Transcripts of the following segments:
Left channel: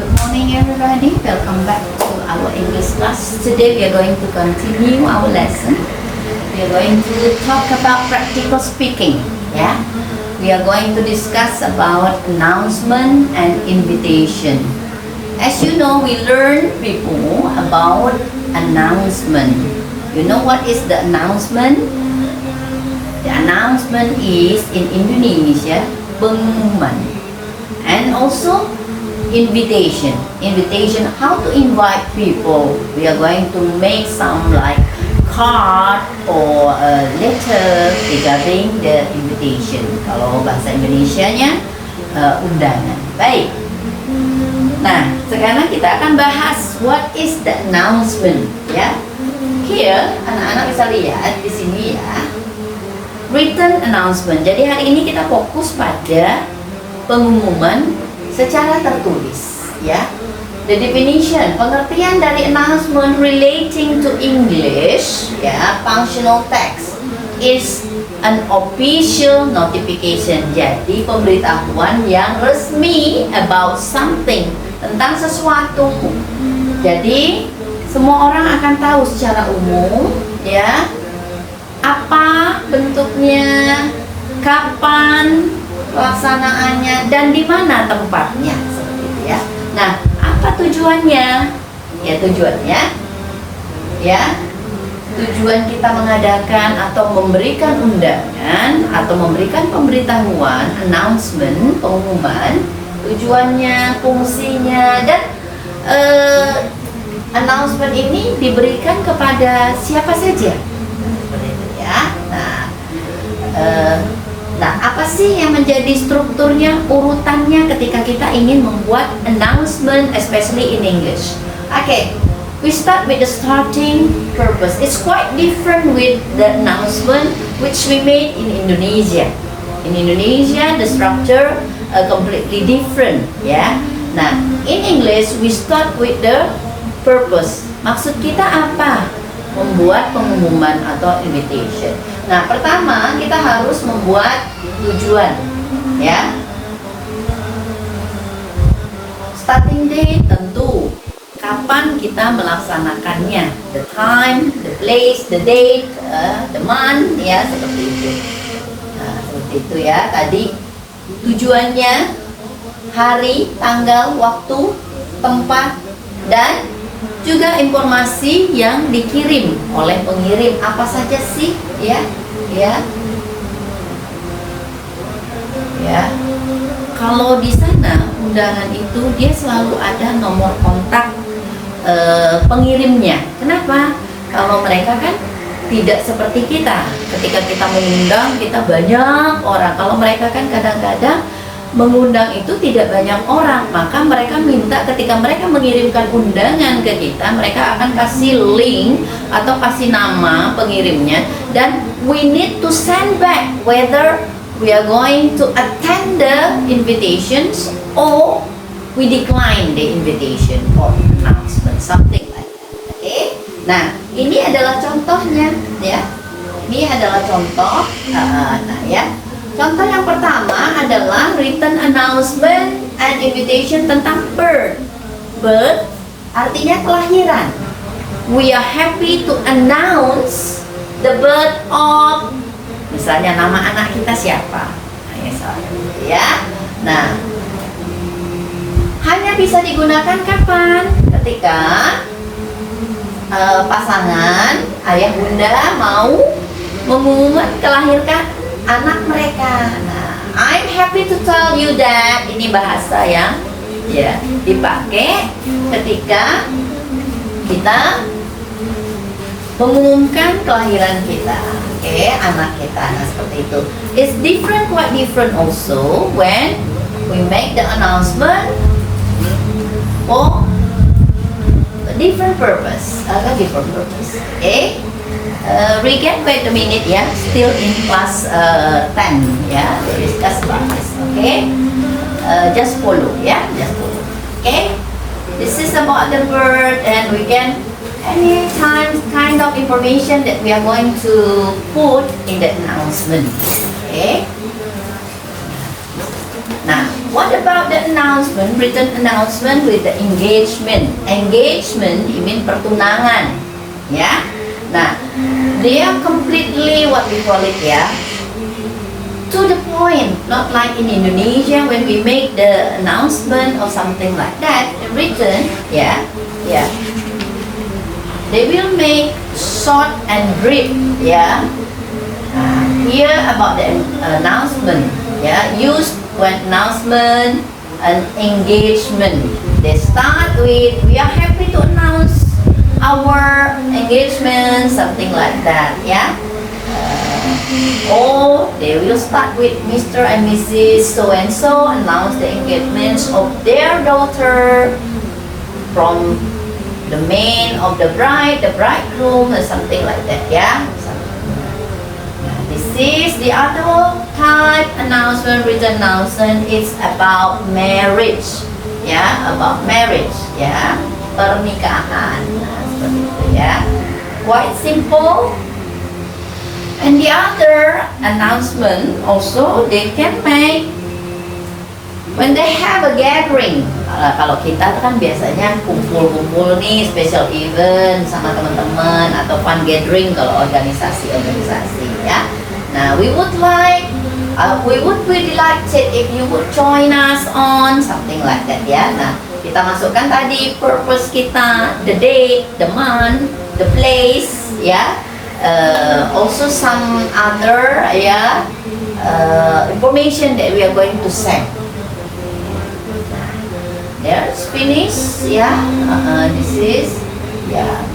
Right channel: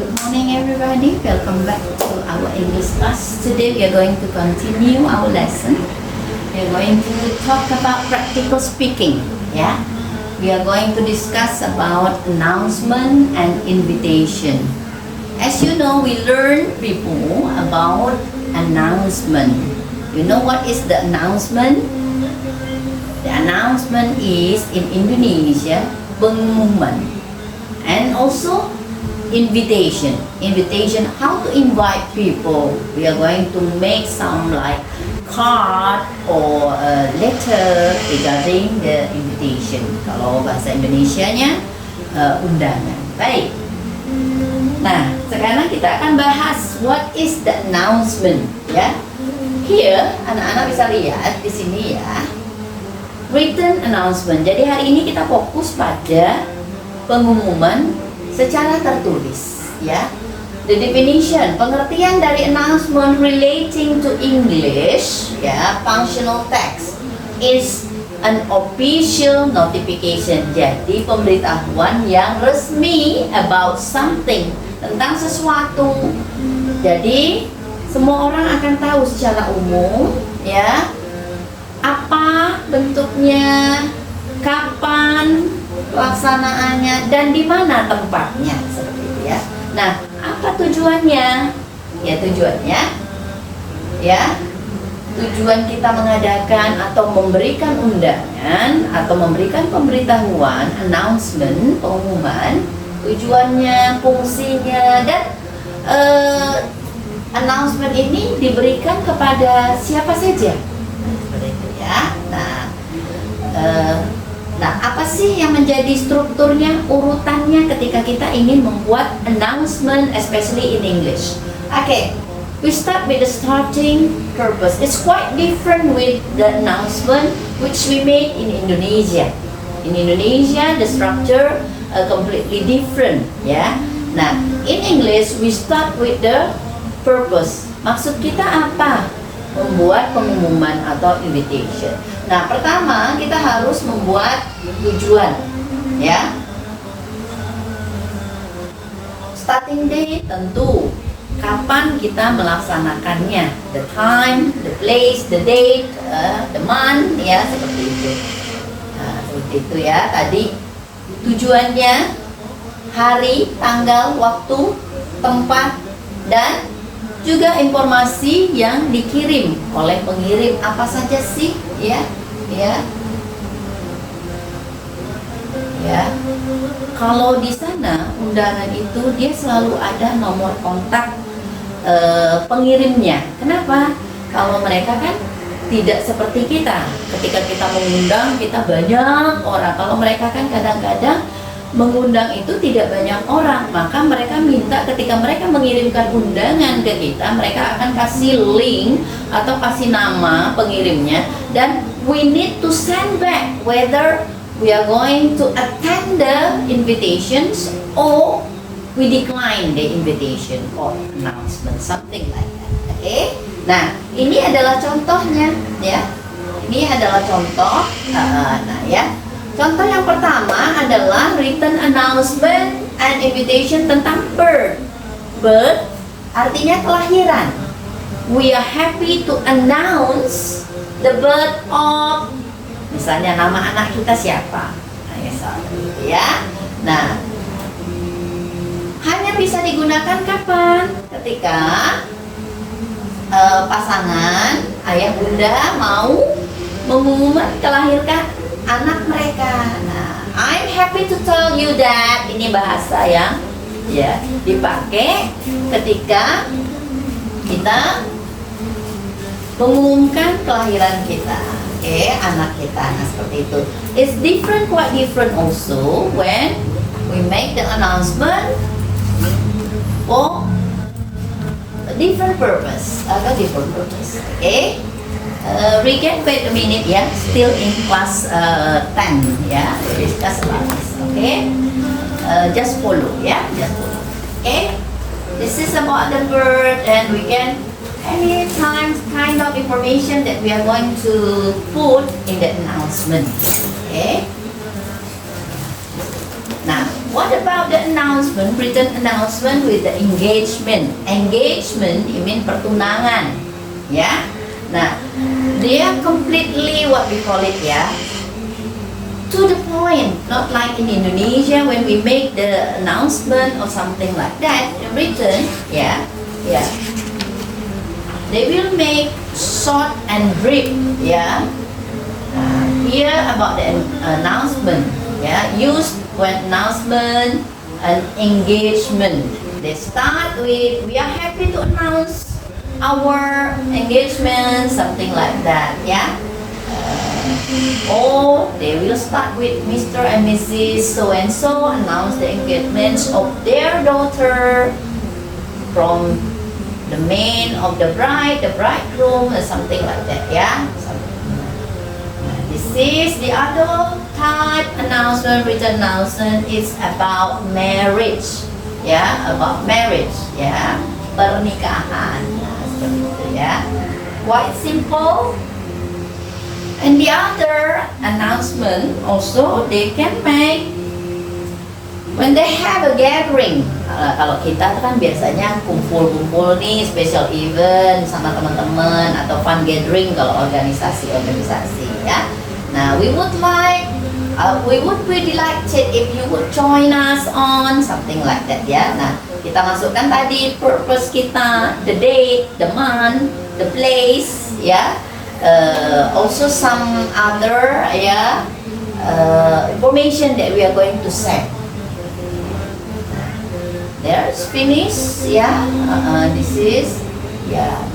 Good morning, everybody. Welcome back to our English class. Today we are going to continue our lesson. We are going to talk about practical speaking. Yeah, we are going to discuss about announcement and invitation. As you know, we learn before about announcement. You know what is the announcement? The announcement is in Indonesia pengumuman, and also invitation. How to invite people. We are going to make some like card or a letter regarding the invitation. Kalau bahasa Indonesianya undangan. Baik. Nah, sekarang kita akan bahas what is the announcement. Ya. Here anak-anak bisa lihat di sini ya. Written announcement. Jadi hari ini kita fokus pada pengumuman secara tertulis, ya. The definition, pengertian dari announcement relating to English, ya, functional text is an official notification. Jadi pemberitahuan yang resmi about something, tentang sesuatu. Jadi semua orang akan tahu secara umum, ya, apa bentuknya, kapan pelaksanaannya, dan di mana tempatnya, seperti itu ya. Nah, apa tujuannya? Ya, tujuannya ya, tujuan kita mengadakan atau memberikan undangan atau memberikan pemberitahuan, announcement, pengumuman, tujuannya, fungsinya, dan announcement ini diberikan kepada siapa saja, seperti itu ya. Nah, apa sih yang menjadi strukturnya, urutannya ketika kita ingin membuat announcement, especially in English? Okay, we start with the starting purpose. It's quite different with the announcement which we made in Indonesia. In Indonesia, the structure completely different, ya. Nah, in English, we start with the purpose. Maksud kita apa? Membuat pengumuman atau invitation. Nah, pertama kita harus membuat tujuan, ya. Starting date tentu kapan kita melaksanakannya, the time, the place, the date, the month, ya, seperti itu. Nah, seperti itu ya. Tadi tujuannya, hari, tanggal, waktu, tempat, dan juga informasi yang dikirim oleh pengirim apa saja sih, ya. Kalau di sana undangan itu dia selalu ada nomor kontak pengirimnya. Kenapa? Kalau mereka kan tidak seperti kita. Ketika kita mengundang, kita banyak orang. Kalau mereka kan kadang-kadang mengundang itu tidak banyak orang, maka mereka minta ketika mereka mengirimkan undangan ke kita, mereka akan kasih link atau kasih nama pengirimnya, dan we need to send back whether we are going to attend the invitations or we decline the invitation or announcement, something like that. Okay? Nah, ini adalah contohnya, ya. Ini adalah contoh. Nah, ya. Contoh yang pertama adalah written announcement and invitation tentang birth. Birth artinya kelahiran. We are happy to announce the birth of, misalnya nama anak kita siapa, misalnya, ya. Nah, hanya bisa digunakan kapan? Ketika pasangan ayah bunda mau mengumumkan kelahiran anak mereka. Nah, I'm happy to tell you that, ini bahasa yang ya dipakai ketika kita mengumumkan kelahiran kita, anak kita. Nah, seperti itu. It's different, quite different also when we make the announcement for a different purpose, Regan, wait a minute, ya. Still in class 10, ya. We discuss about this, just follow, ya. Just follow, This is about the bird, and we can any kind of information that we are going to put in the announcement, Nah, What about the announcement, written announcement with the engagement? Engagement, you mean pertunangan, ya. Nah, they are completely what we call it, ya, to the point. Not like in Indonesia when we make the announcement or something like that, written, yeah. They will make short and brief, yeah. Here about the announcement, yeah, used when announcement and engagement. They start with, we are happy to announce our engagement, something like that, yeah. Or they will start with Mr. and Mrs. so and so announce the engagements of their daughter from the man of the bride, the bridegroom, or something like that, yeah. This is the other type announcement, written announcement. It's about marriage, yeah, about marriage, yeah, pernikahan, seperti itu, ya. Quite simple. And the other announcement also they can make when they have a gathering. Kalau kita kan biasanya kumpul-kumpul nih, special event sama teman-teman atau fun gathering kalau organisasi ya. Nah, we would really like it if you would join us on something like that, ya. Nah, kita masukkan tadi purpose kita, the date, the month, the place, ya. Also some other information that we are going to send. There's finished, this is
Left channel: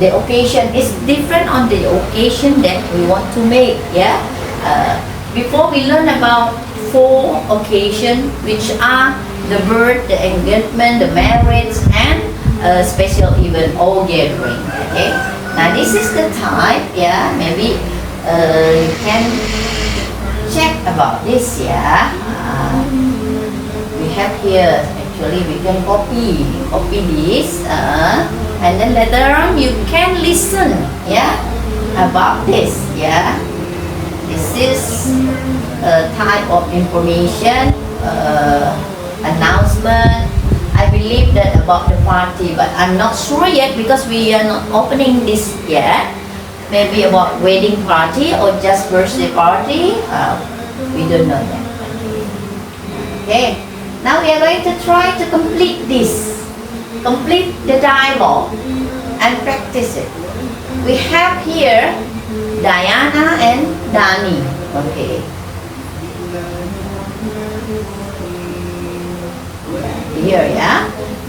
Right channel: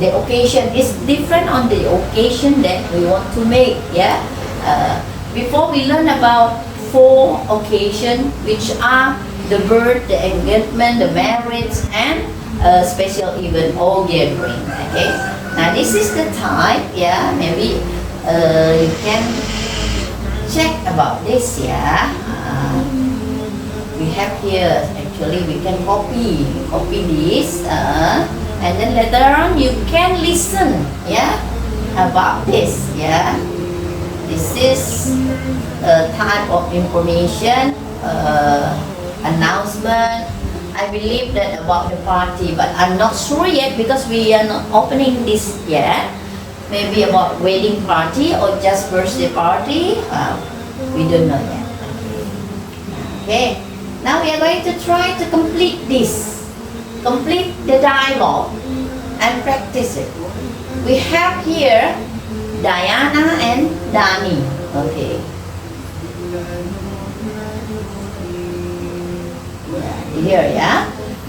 the occasion is different on the occasion that we want to make, before we learn about 4 occasions, which are the birth, the engagement, the marriage, and special event or gathering. Okay, now this is the type, maybe you can check about this, we have here. Actually, we can copy this, and then later on you can listen, about this, This is a type of information, announcement. I believe that about the party, but I'm not sure yet because we are not opening this yet. Maybe about wedding party or just birthday party. We don't know yet. Okay. Now we are going to try to complete this. Complete the dialogue and practice it. We have here Diana and Dani. Okay. Here,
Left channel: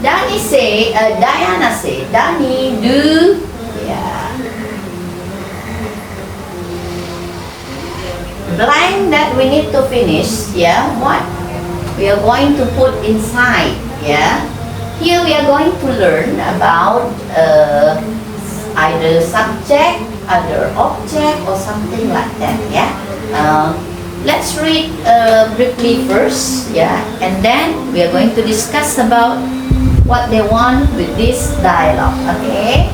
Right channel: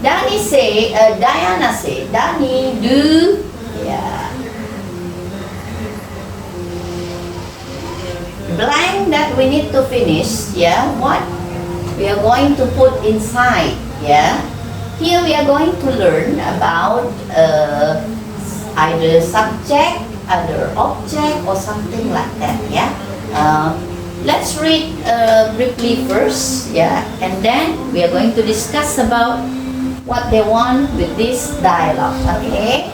Dani say, Diana say, Dani do, blank that we need to finish, what we are going to put inside, Here we are going to learn about either subject, other object, or something like that, let's read briefly first, and then we are going to discuss about what they want with this dialogue, okay?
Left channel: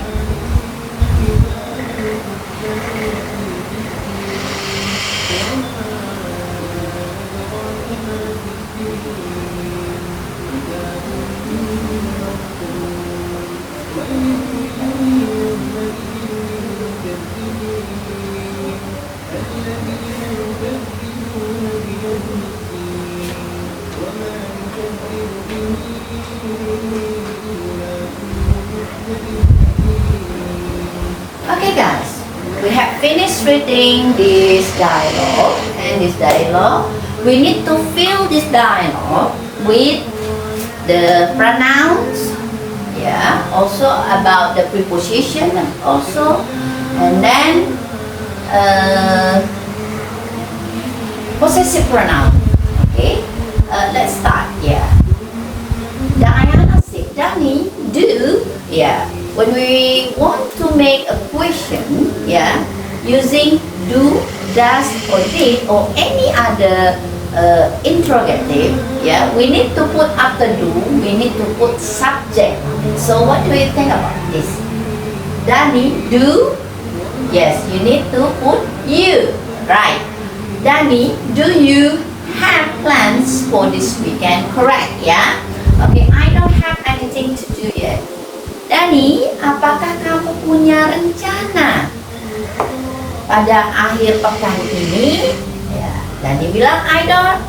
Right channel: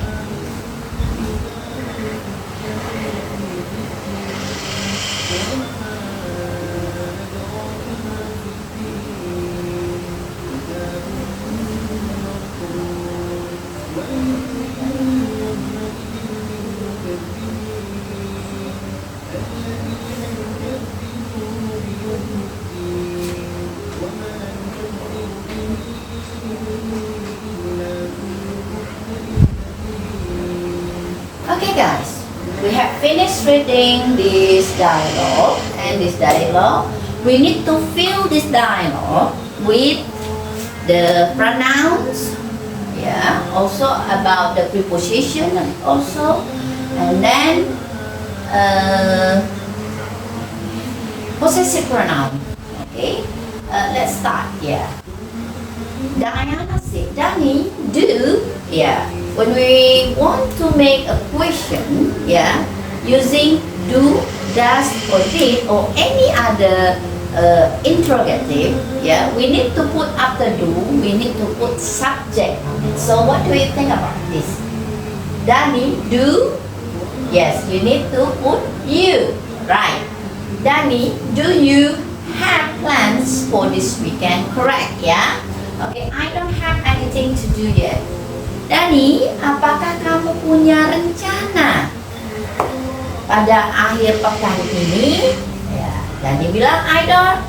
Okay guys, we have finished reading this dialogue, and this dialogue, we need to fill this dialogue with the pronouns, also about the preposition also, and then possessive pronoun, okay? Let's start, Diana said, Dani, do, when we want to make a question, using do, does, or did, or any other interrogative, we need to put after do, we need to put subject. So what do you think about this? Dani, do? Yes, you need to put you, right? Dani, do you have plans for this weekend, correct ya? Okay, I don't have anything to do yet. Dani, apakah kamu punya rencana pada akhir pekan ini? Ya, Dani bilang I don't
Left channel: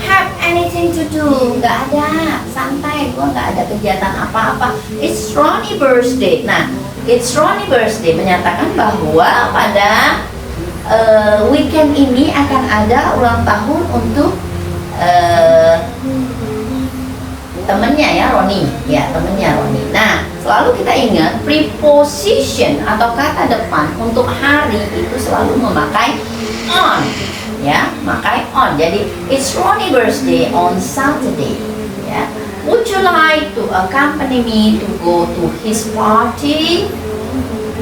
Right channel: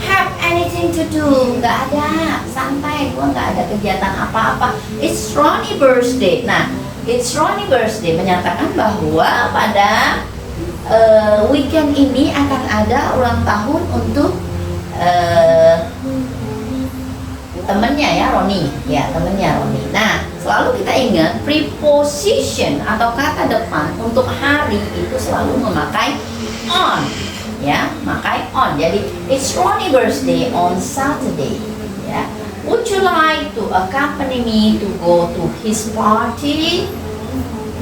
have anything to do. Nggak ada, santai, gue nggak ada kegiatan apa-apa. It's Ronnie birthday. Nah, it's Ronnie birthday menyatakan bahwa pada weekend ini akan ada ulang tahun untuk temennya ya, Ronnie. Ya, temennya Ronnie. Nah, selalu kita ingat preposition atau kata depan untuk hari itu selalu memakai on. Ya, pakai on. Jadi it's Ronnie birthday on Saturday. Ya, would you like to accompany me to go to his party?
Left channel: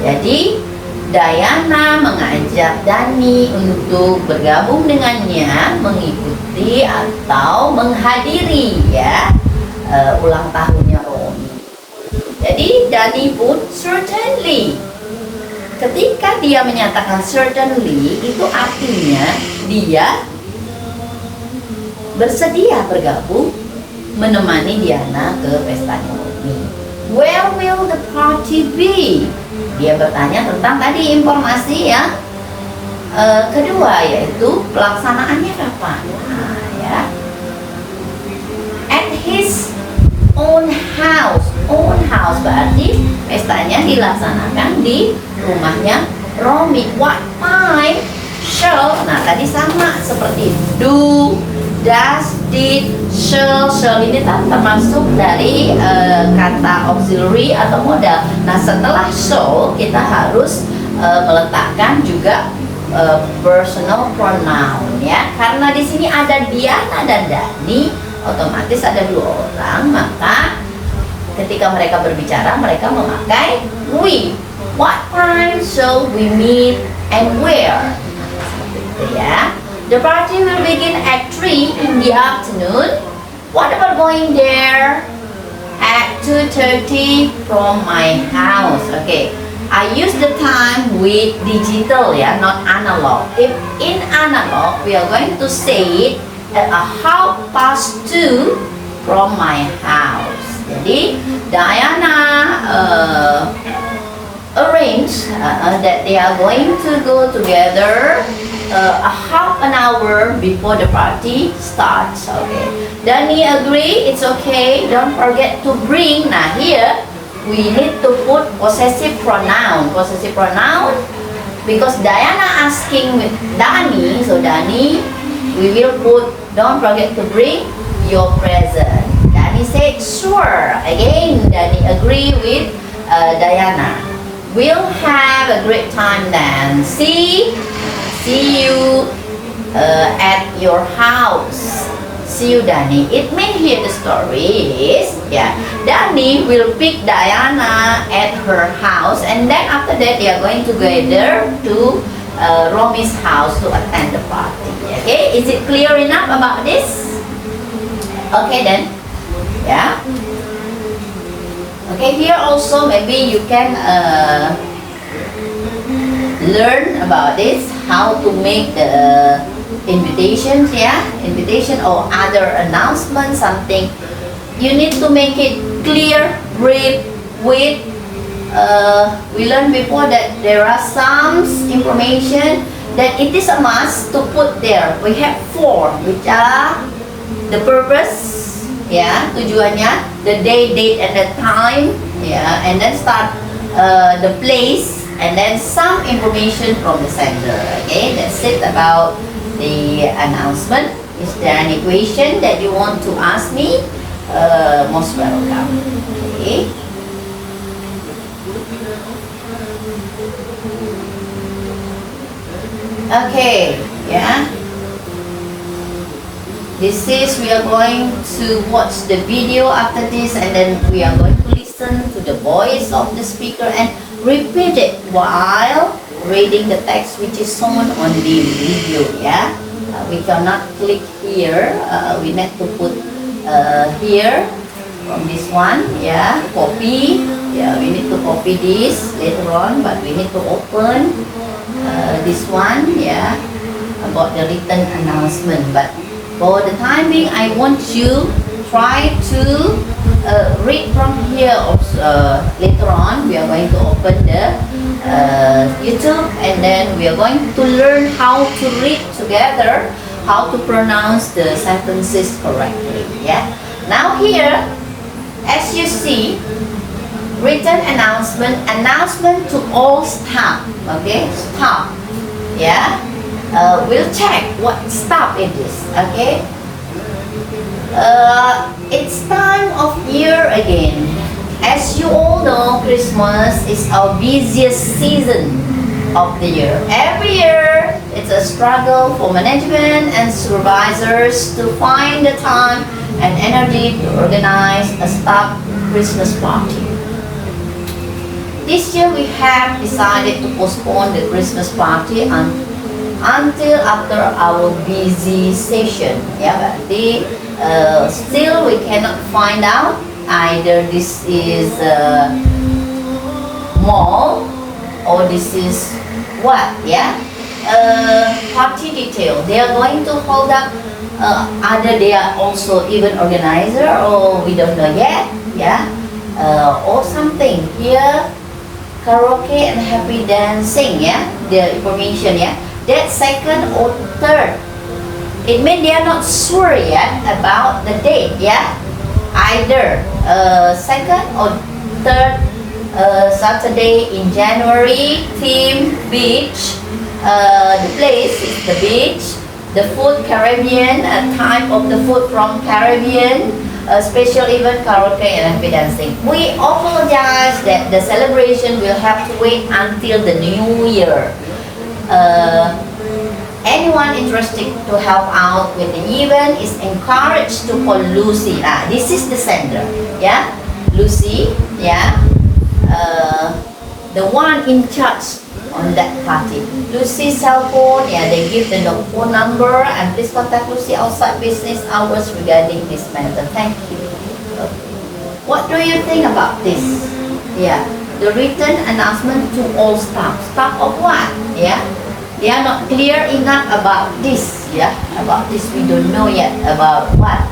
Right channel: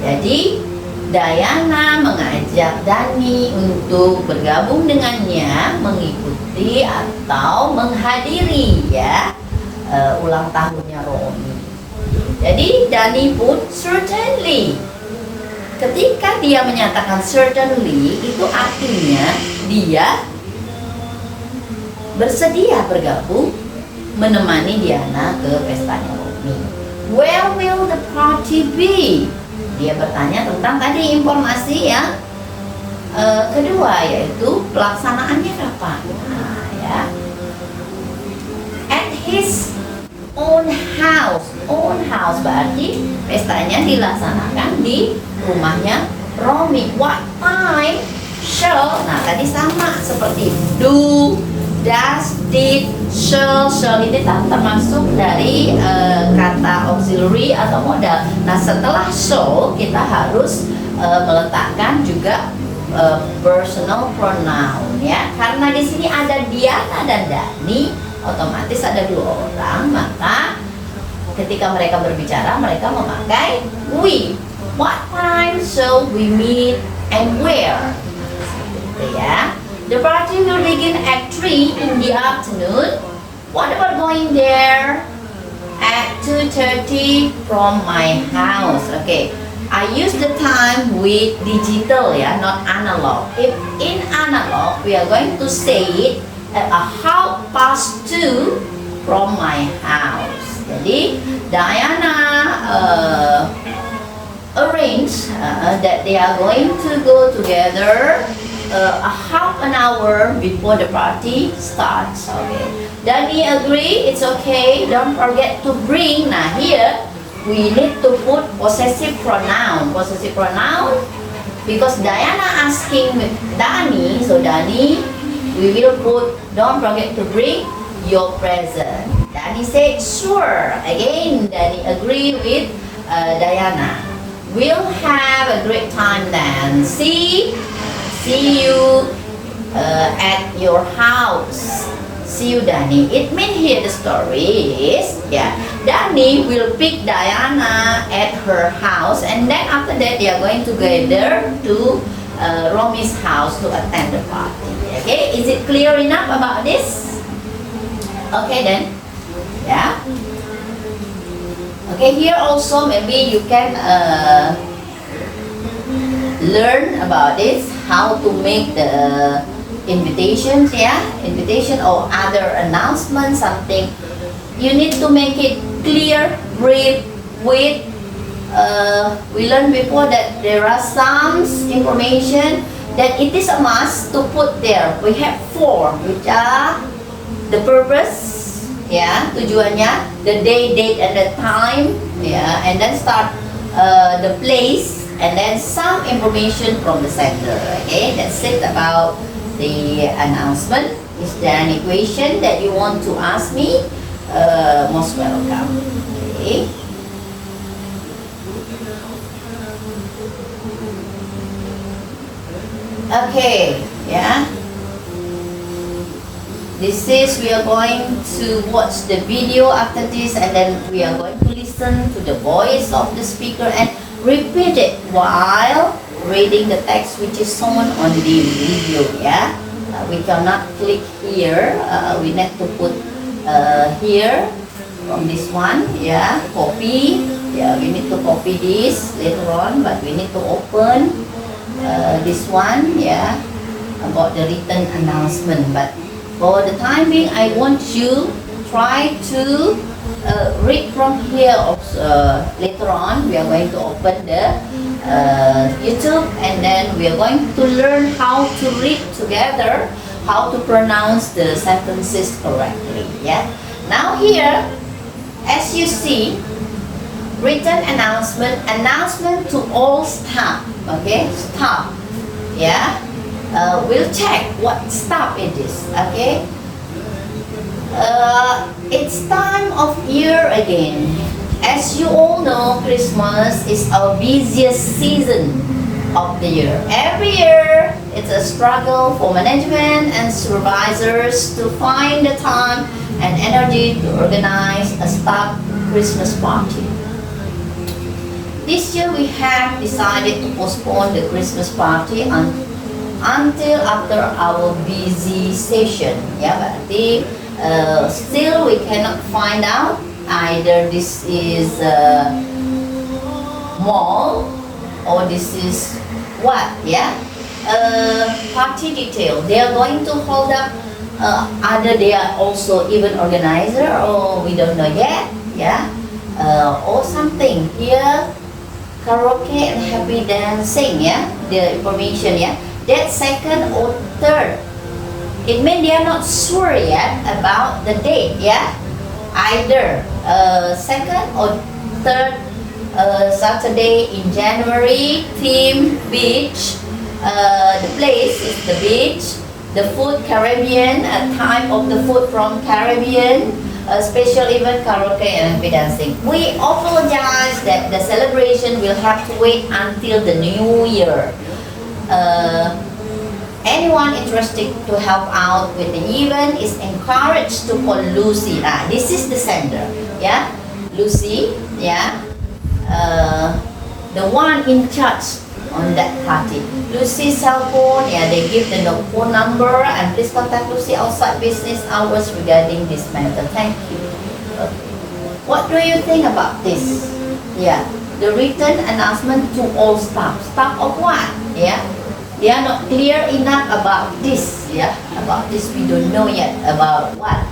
Jadi Diana mengajak Dani untuk bergabung dengannya, mengikuti atau menghadiri ya ulang tahunnya Ronnie. Jadi Dani pun certainly. Ketika dia menyatakan certainly, itu artinya dia bersedia bergabung menemani Diana ke pestanya Ronnie. Where will the party be? Dia bertanya tentang tadi informasi yang kedua, yaitu pelaksanaannya kapan. Nah, ya. At his own house. Own house berarti pestanya dilaksanakan di rumahnya Ronnie. What time shall? Nah, tadi sama seperti do, does, did, shall. Shall ini termasuk dari kata auxiliary atau modal. Nah, setelah shall kita harus meletakkan juga personal pronoun ya. Karena di sini ada Diana dan Dani, otomatis ada dua orang, maka ketika mereka berbicara mereka memakai we. What time shall we meet and where? Seperti itu ya. The party will begin at 3 in the afternoon. What about going there at 2:30 from my house? Okay, I use the time with digital ya, not analog. If in analog, we are going to say it at 2:30 from my house. Jadi Diana arrange that they are going to go together a half an hour before the party starts. Okay. Dani agree, it's okay. Don't forget to bring. Nah, here we need to put possessive pronoun. Possessive pronoun because Diana asking with Dani, so Dani, we will put don't forget to bring your present. Dani said sure. Again, Dani agree with Diana. We'll have a great time then. See you at your house. See you, Dani. It means here the story is, yeah, Dani will pick Diana at her house, and then after that they are going to gather to Romi's house to attend the party. Okay, is it clear enough about this? Okay then, yeah. Okay, here also maybe you can learn about this, how to make the invitations, yeah, invitation or other announcement, something. You need to make it clear, brief, with. We learned before that there are some information that it is a must to put there. We have 4, which are the purpose, yeah, tujuannya, the day, date, and the time, yeah, and then start the place, and then some information from the sender. Okay, that's it about the announcement. Is there any question that you want to ask me? Most welcome. Okay. Okay, yeah. This is, we are going to watch the video after this, and then we are going to listen to the voice of the speaker and repeat it while reading the text which is shown on the video, yeah. We cannot click here, we need to put here from this one, yeah, copy, yeah, we need to copy this later on, but we need to open this one, yeah, about the written announcement. But For the time being, I want you try to read from here. Later on, we are going to open the YouTube, and then we are going to learn how to read together, how to pronounce the sentences correctly. Yeah. Now here, as you see, written announcement to all staff. Okay, staff. Yeah. We'll check what staff it is. Okay. It's time of year again. As you all know, Christmas is our busiest season of the year. Every year, it's a struggle for management and supervisors to find the time and energy to organize a staff Christmas party. This year, we have decided to postpone the Christmas party until after our busy session. Yeah, but still we cannot find out either this is a mall or this is what. Yeah, party detail. They are going to hold up. Either they are also event organizer or we don't know yet. Yeah, or something here. Karaoke and happy dancing. Yeah, the information. Yeah. That second or third, it means they are not sure yet about the date. Yeah, either second or third Saturday in January. Theme beach. The place is the beach. The food Caribbean, a type of the food from Caribbean. Special event karaoke and happy dancing. We apologize that the celebration will have to wait until the new year. Anyone interested to help out with the event is encouraged to call Lucy. This is the sender. Yeah, Lucy. Yeah, the one in charge on that party. Lucy's cell phone. Yeah, they give the phone number, and please contact Lucy outside business hours regarding this matter. Thank you. Okay. What do you think about this? Yeah, the written announcement to all staff. Staff of what? Yeah. They are not clear enough about this. Yeah, about this we don't know yet about what.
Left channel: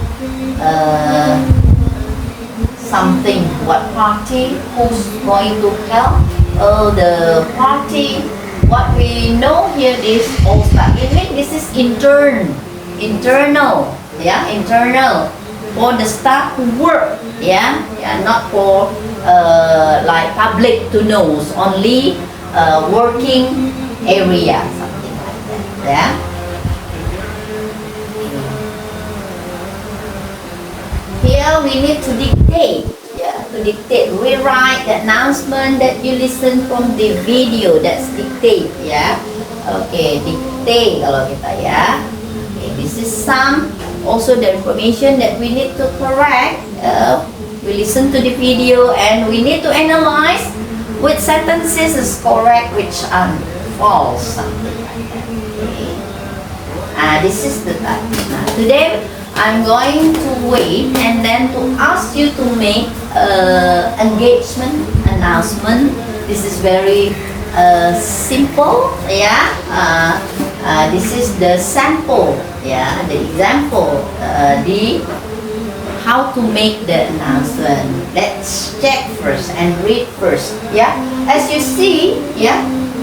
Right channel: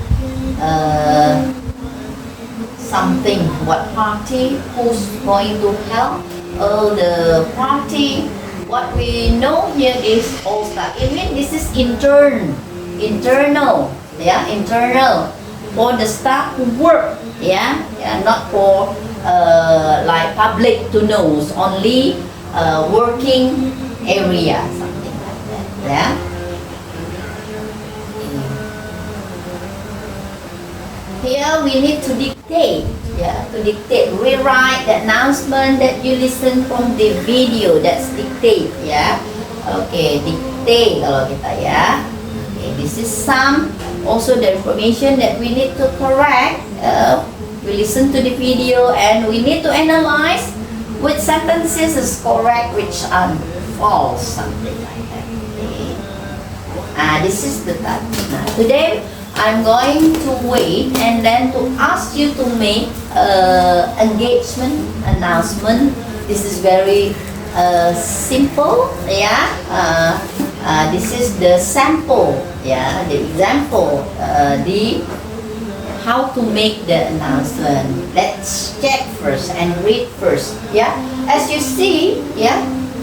Something. What party? Who's going to help? The party. What we know here is all staff. It means this is internal. Yeah, internal for the staff who work. Yeah, yeah, not for like public to know. Only working area, something like that. Yeah. Here we need to dictate. Yeah, to dictate. We write the announcement that you listen from the video. That's dictate. Yeah. Okay, dictate kalau kita ya. Okay, this is some also the information that we need to correct. We listen to the video and we need to analyze which sentences is correct, which are false, something like that. Okay. This is the type. Now, today I'm going to wait and then to ask you to make engagement announcement. This is very simple. Yeah. This is the sample. Yeah, the example. The how to make the announcement. Let's check first and read first. Yeah. As you see. Yeah.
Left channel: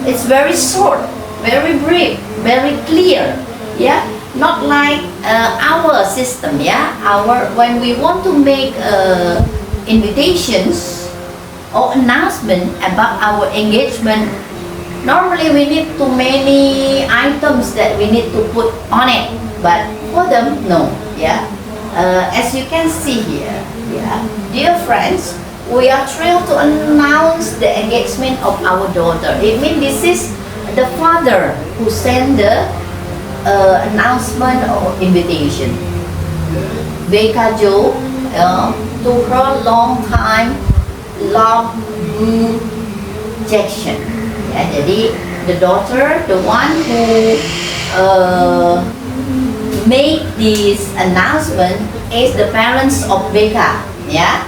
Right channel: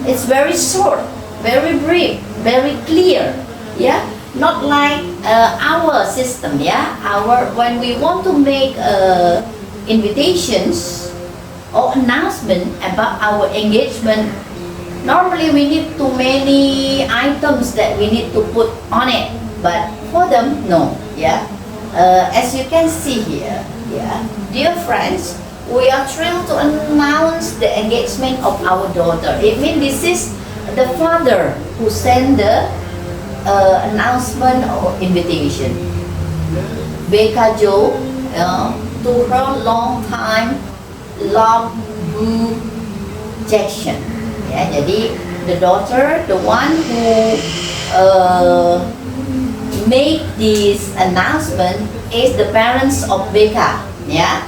It's very short, very brief, very clear. Yeah, not like our system. Yeah, when we want to make invitations or announcement about our engagement, normally we need too many items that we need to put on it. But for them, no. Yeah, as you can see here. Yeah, dear friends. We are thrilled to announce the engagement of our daughter. It means this is the father who sent the announcement or invitation. Becca Jo, to her long time love Boo Jackson. Yeah, jadi the daughter, the one who made this announcement is the parents of Becca. Yeah.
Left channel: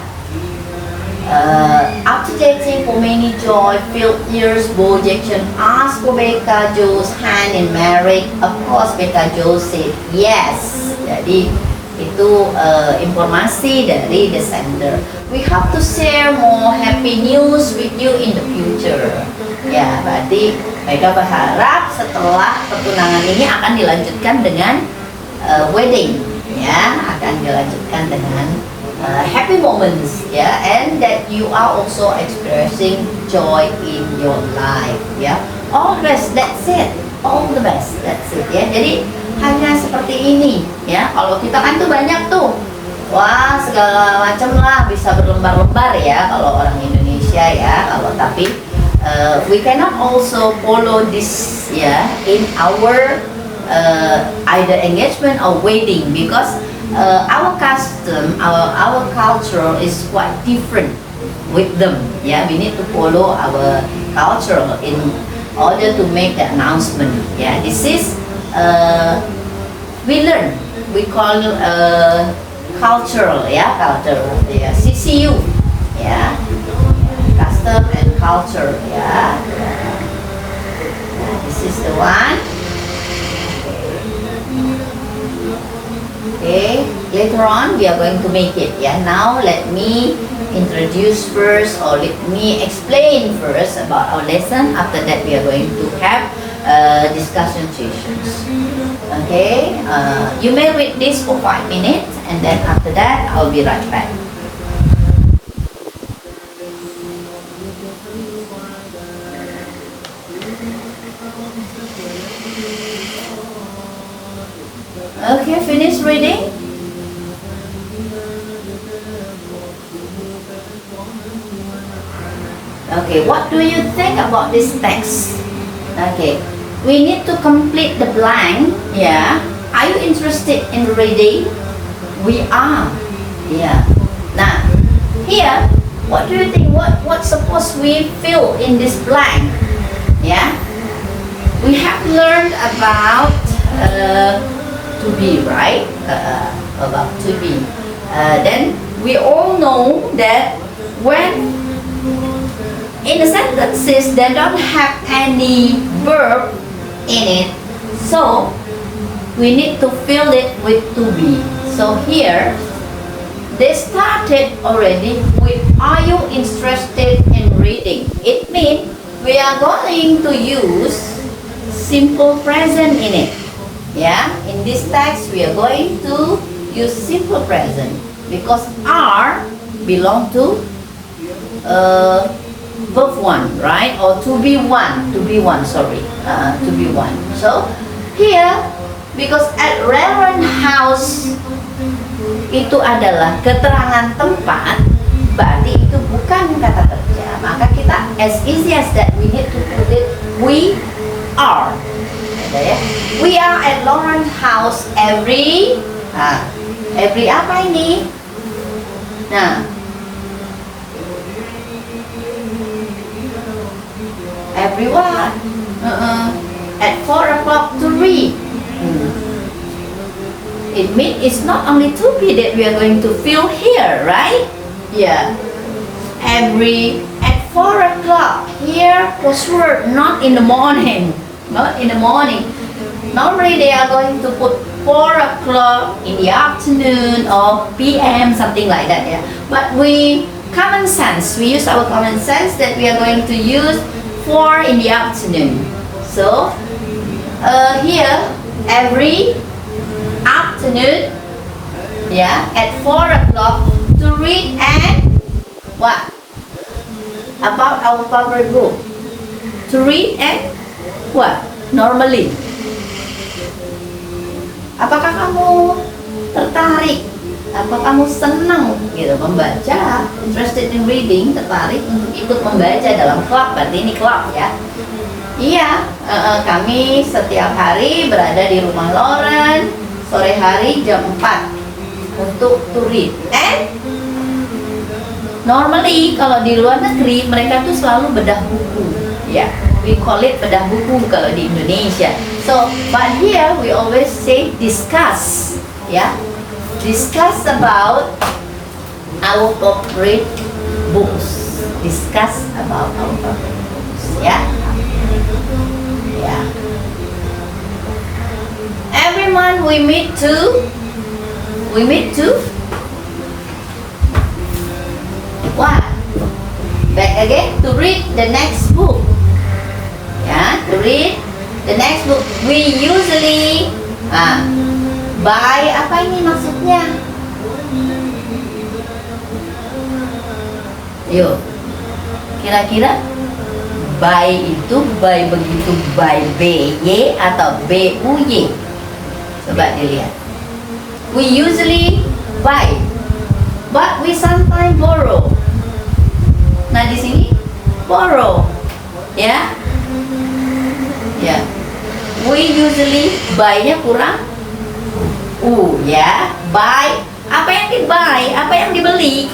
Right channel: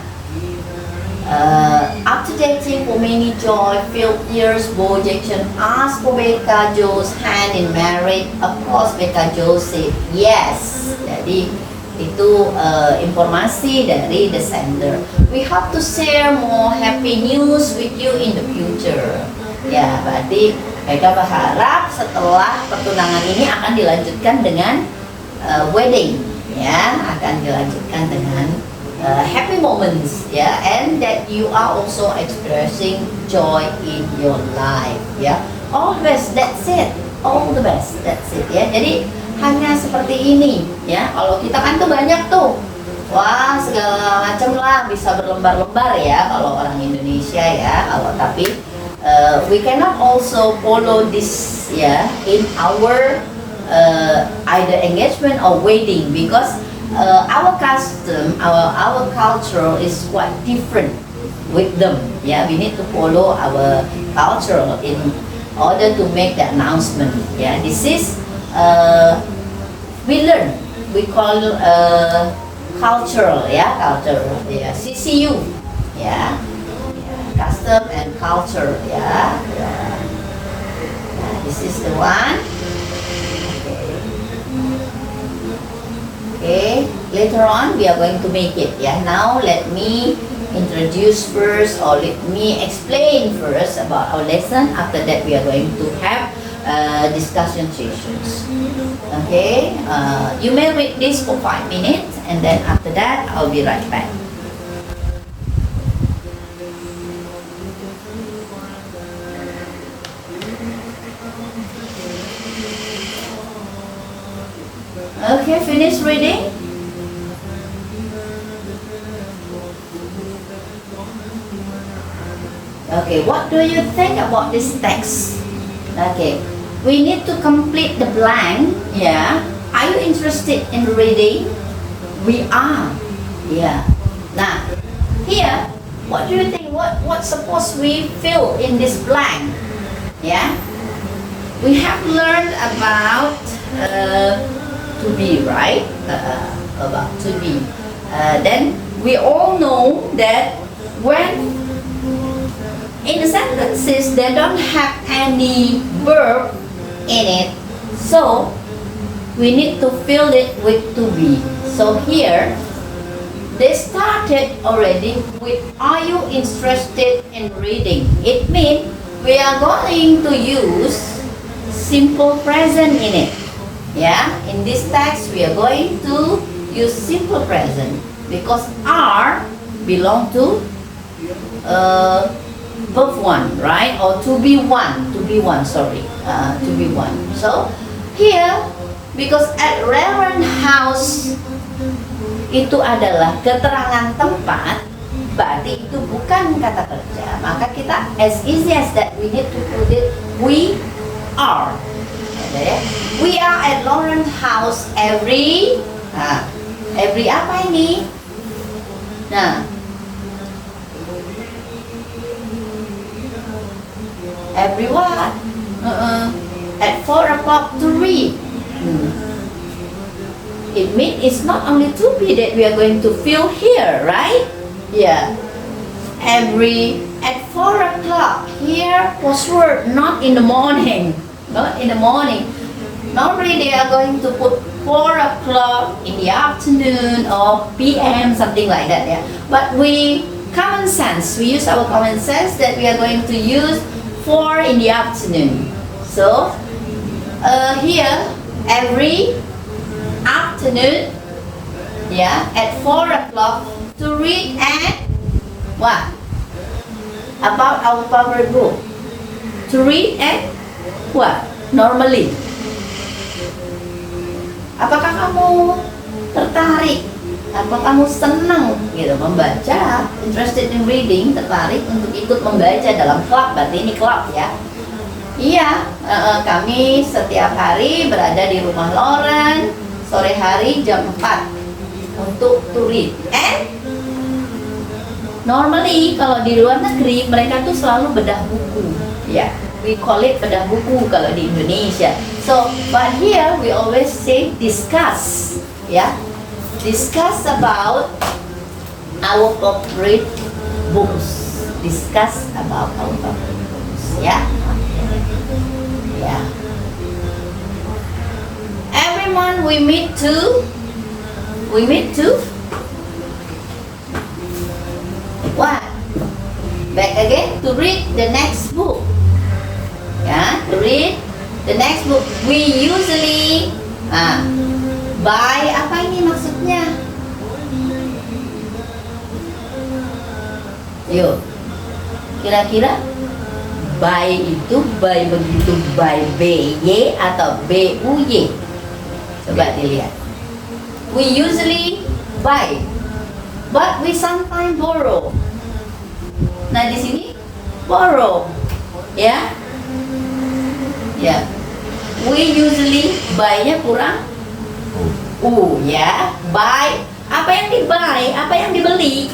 After dating for many joy-filled years, Bo Jackson asked for Becca Joe's hand in marriage. Of course, Becca Joe said yes. Jadi itu informasi dari the sender. We hope to share more happy news with you in the future. Ya, berarti mereka berharap setelah pertunangan ini akan dilanjutkan dengan wedding, ya, akan dilanjutkan dengan happy moments, ya, and that you are also expressing joy in your life, ya. All the best, that's it. All the best, that's it, ya. Jadi hanya seperti ini, ya. Kalau kita kan tuh banyak tuh, wah segala macam lah, bisa berlembar-lembar ya kalau orang Indonesia ya. Kalau tapi we cannot also follow this, ya, in our either engagement or wedding because our custom, our culture is quite different with them. Yeah, we need to follow our culture in order to make the announcement. Yeah, this is we learn. We call cultural. Yeah, culture. Yeah, CCU. Yeah, custom and culture. Yeah, this is the one. Okay, later on we are going to make it. Yeah, now let me introduce first, or let me explain first about our lesson. After that we are going to have discussion sessions. Okay, you may read this for 5 minutes and then after that I'll be right back. Okay, finish reading. Okay, what do you think about this text? Okay, we need to complete the blank. Yeah, are you interested in reading? We are. Yeah. Now, here, what do you think? What suppose we fill in this blank? Yeah, we have learned about to be, right? About to be. Then we all know that when in the sentences they don't have any verb in it, so we need to fill it with to be. So here they started already with are you interested in reading? It means we are going to use simple present in it. Yeah, in this text we are going to use simple present because are belong to verb one, right? Or to be one, sorry, to be one. So here, because at Reverend House itu adalah keterangan tempat, berarti itu bukan kata kerja. Maka kita as easy as that we need to put it we are. Ya. We are at Lawrence House every apa ini? Nah, every what? At 4 o'clock to read. It means it's not only to be that we are going to fill here, right? Yeah. Every at 4 o'clock here was word not in the morning. Not in the morning. Normally they are going to put 4 o'clock in the afternoon or PM, something like that. Yeah. But we use our common sense that we are going to use 4 in the afternoon. So here every afternoon, yeah, at 4 o'clock to read and what? About our favorite book. To read and what? Normally. Apakah kamu tertarik? Apakah kamu senang gitu membaca? Interested in reading, tertarik untuk ikut membaca dalam klub? Berarti ini klub ya. Iya, kami setiap hari berada di rumah Lauren sore hari jam 4 untuk to read. And normally kalau di luar negeri mereka tuh selalu bedah buku. Ya, we call it bedah buku kalau di Indonesia. So, but here we always say discuss. Ya, discuss about our favorite books. discuss about our purpose. Yeah. Yeah. Every month we meet to what? Back again to read the next book. Yeah, to read the next book. We usually buy, apa ini maksudnya? Yuk, kira-kira buy itu buy begitu buy B-Y atau B-U-Y? Coba dilihat. We usually buy, but we sometimes borrow. Nah di sini borrow, ya, ya. We usually buy-nya kurang ya. Buy, apa yang di-buy, apa yang dibeli?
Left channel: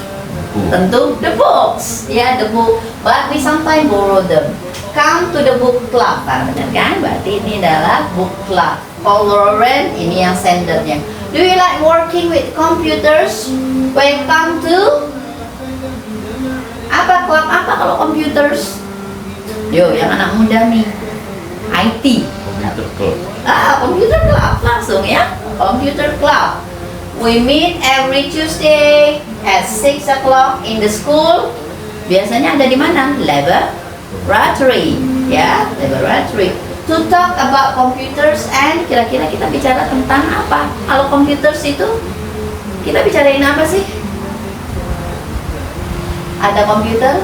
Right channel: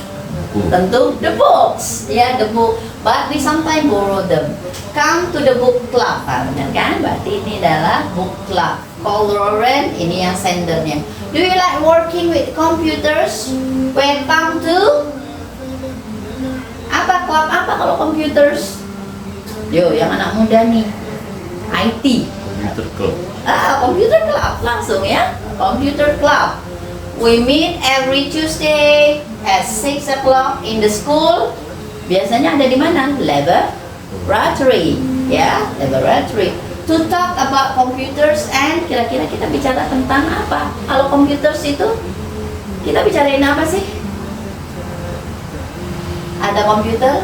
Tentu the books, ya, the book. But we sometimes borrow them. Come to the book club, benar kan? Berarti ini adalah book club. Lauren, ini yang sendernya. Do you like working with computers? Welcome to apa, club apa kalau computers? Yo, yang anak muda nih, IT. Computer club langsung ya. Computer club. We meet every Tuesday at 6 o'clock in the school. Biasanya ada di mana? Laboratory, ya, laboratory. To talk about computers, and kira-kira kita bicara tentang apa? Kalau computers itu kita bicarain apa sih? Ada komputer?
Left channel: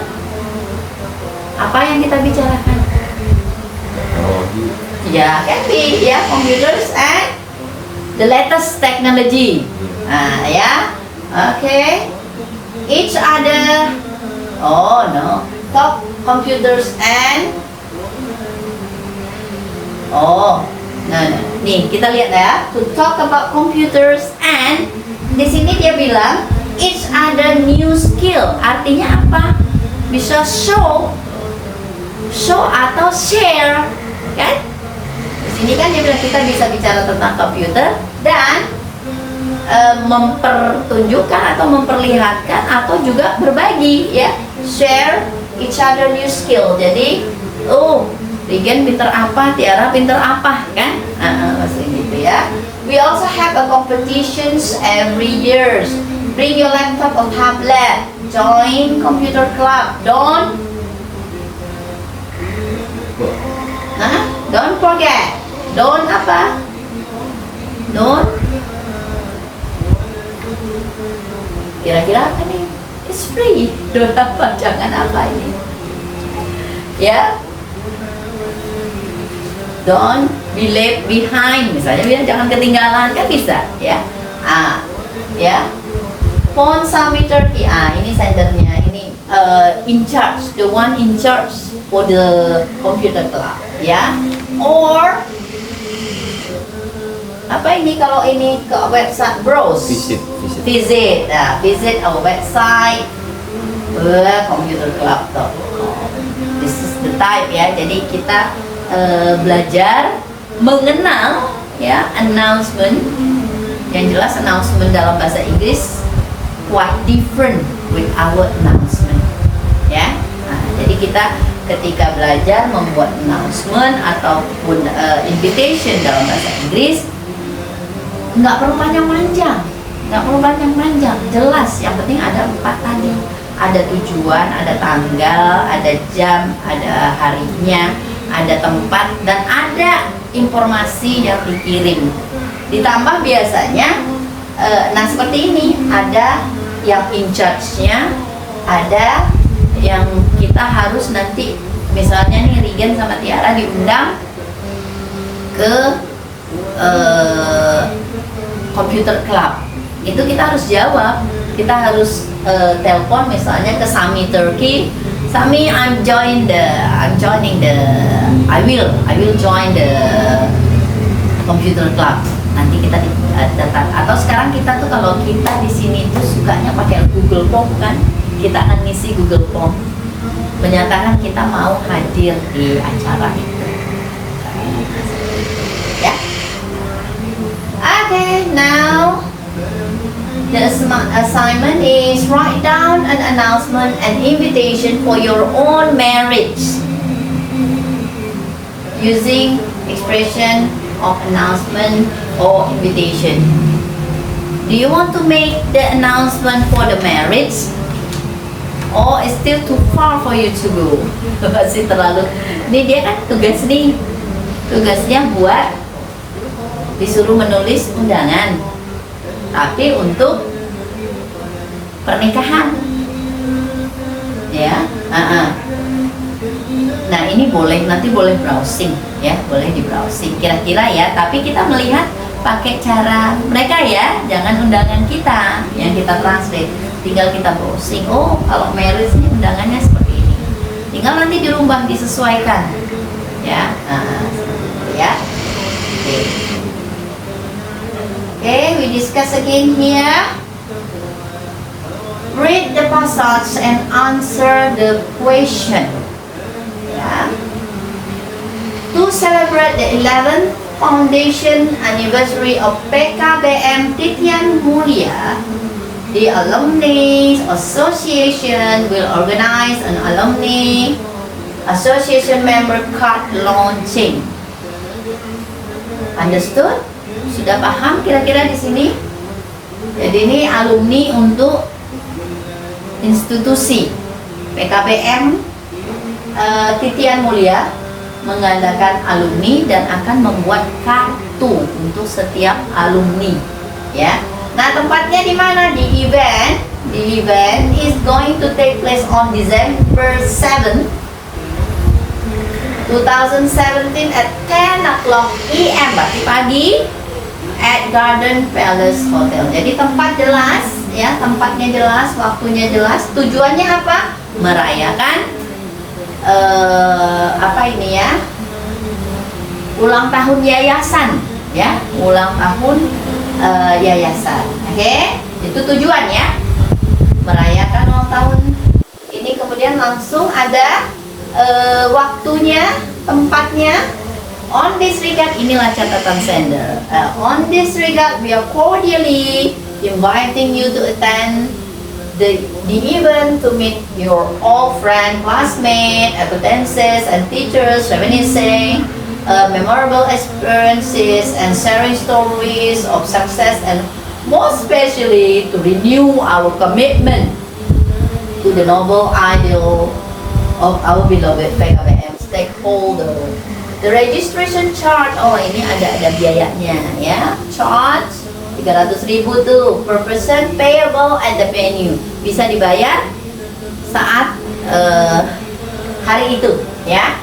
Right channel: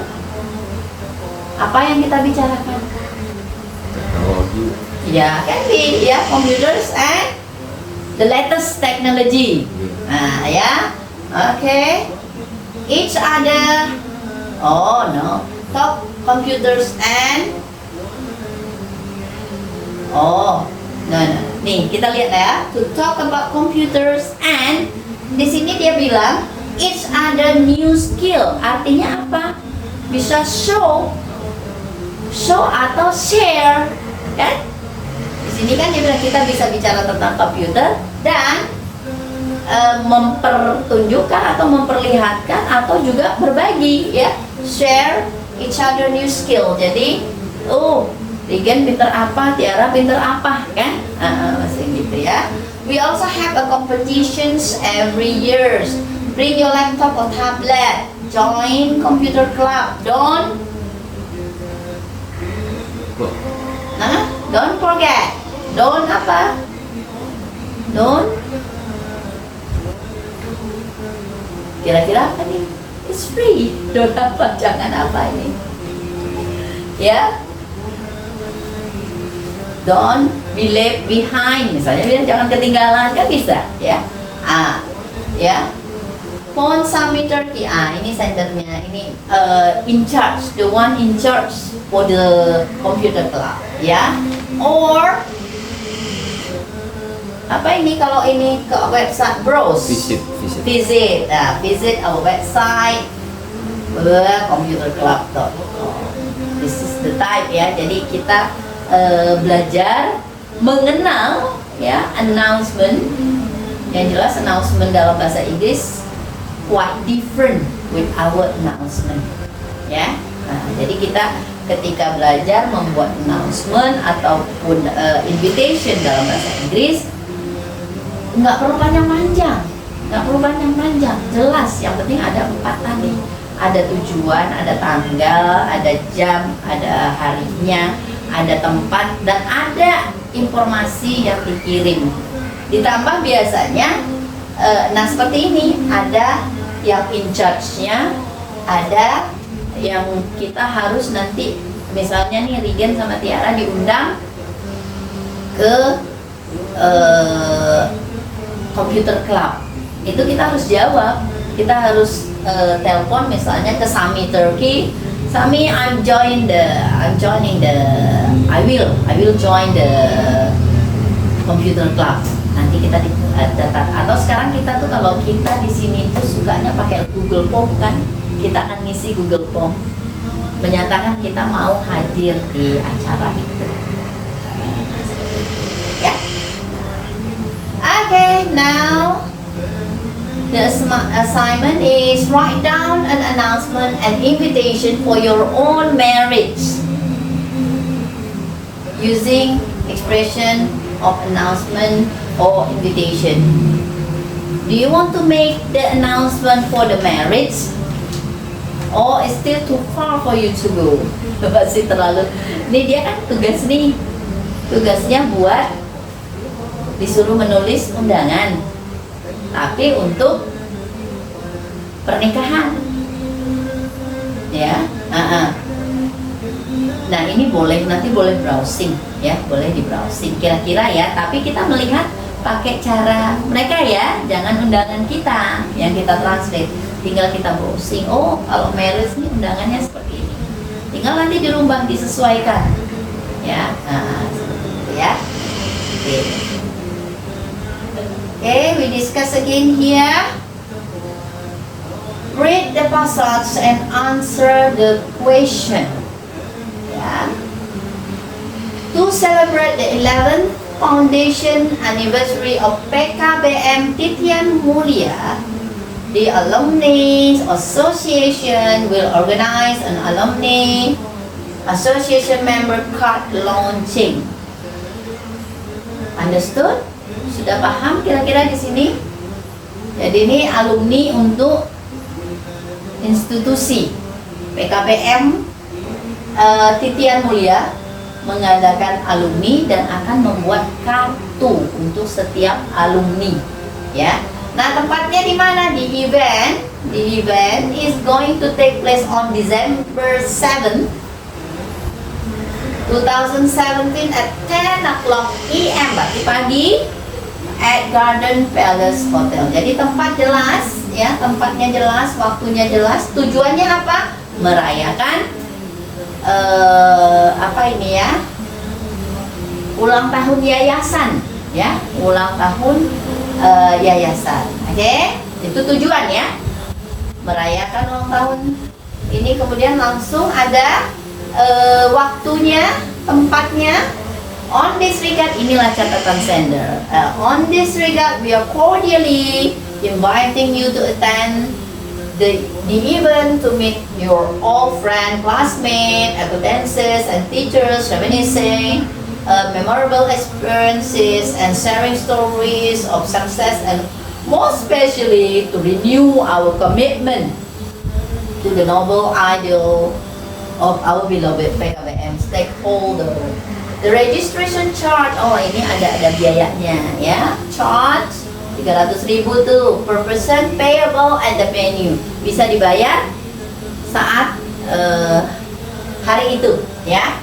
Apa yang kita bicarakan? Teknologi. Ya, can be, ya, computers and the latest technology. Ya, okay. Each other. Oh no, talk computers and. Oh, no. Nih kita lihat ya. To talk about computers and di sini dia bilang each other new skill. Artinya apa? Bisa show atau share, kan? Di sini kan dia bilang kita bisa bicara tentang komputer dan mempertunjukkan atau memperlihatkan atau juga berbagi, ya. Share each other new skill. Jadi, Regen pinter apa, Tiara pinter apa, kan? Masih gitu ya. We also have a competitions every year. Bring your laptop or tablet. Join computer club. Don't forget. Don't apa? Don't. Kira-kira apa nih? It's free. Don't apa? Jangan apa ini? Ya. Don't be left behind, misalnya biar jangan ketinggalan, kan bisa, ya. Ya. Phone Summit Turkey. Ini sendernya, ini in charge, the one in charge for the computer club, ya. Or apa ini kalau ini ke website browse, visit our website, computerclub.com. This is the type, ya. Jadi kita belajar mengenal, ya, announcement. Yang jelas announcement dalam bahasa Inggris quite different with our announcement, ya. Jadi kita ketika belajar membuat announcement ataupun invitation dalam bahasa Inggris nggak perlu panjang-panjang, jelas. Yang penting ada 4 tadi, ada tujuan, ada tanggal, ada jam, ada harinya, ada tempat, dan ada informasi yang dikirim. Ditambah biasanya, seperti ini, ada yang in charge-nya, ada yang kita harus nanti, misalnya nih Regen sama Tiara diundang ke computer club, itu kita harus jawab, kita harus telepon misalnya ke Sami Turkey. Sami, I will join the computer club. Nanti kita datang. Atau sekarang kita tuh kalau kita di sini tuh sukanya pakai Google Form, kan? Kita akan ngisi Google Form, menyatakan kita mau hadir di acara itu. Ya. Okay, now The assignment is write down an announcement and invitation for your own marriage using expression of announcement or invitation. Do you want to make the announcement for the marriage? Or it's still too far for you to go? Masih terlalu. Ini dia kan tugas nih. Tugasnya buat disuruh menulis undangan. Tapi untuk pernikahan. Ya. Nah, ini nanti boleh browsing ya, boleh di browsing kira-kira ya, tapi kita melihat pakai cara mereka ya, jangan undangan kita yang kita translate. Tinggal kita browsing, oh kalau marriage ini undangannya seperti ini, tinggal nanti dirubah disesuaikan ya. Seperti itu ya. Okay, we discuss again here. Read the passage and answer the question. Yeah. To celebrate the 11th foundation anniversary of PKBM Titian Mulia, the Alumni Association will organize an Alumni Association member card launching. Understood? Sudah paham kira-kira di sini? Jadi ini alumni untuk institusi PKBM Titian Mulia mengadakan alumni dan akan membuat kartu untuk setiap alumni ya. Nah, tempatnya di mana? Di event. The event is going to take place on December 7, 2017 at 10 o'clock PM, pagi at Garden Palace Hotel. Jadi tempat jelas ya, tempatnya jelas, waktunya jelas. Tujuannya apa? Merayakan ulang tahun yayasan ya, ulang tahun yayasan. Oke, itu tujuannya, merayakan ulang tahun ini. Kemudian langsung ada waktunya, tempatnya. On this regard, inilah catatan sender. On this regard, we are cordially inviting you to attend the event to meet your all friends, classmates, acquaintances, and teachers, reminiscing memorable experiences and sharing stories of success, and most especially to renew our commitment to the noble ideal of our beloved PKBM stakeholder. The registration charge, oh ini ada biayanya ya. Charge 300.000 tuh per person payable at the venue. Bisa dibayar saat hari itu ya.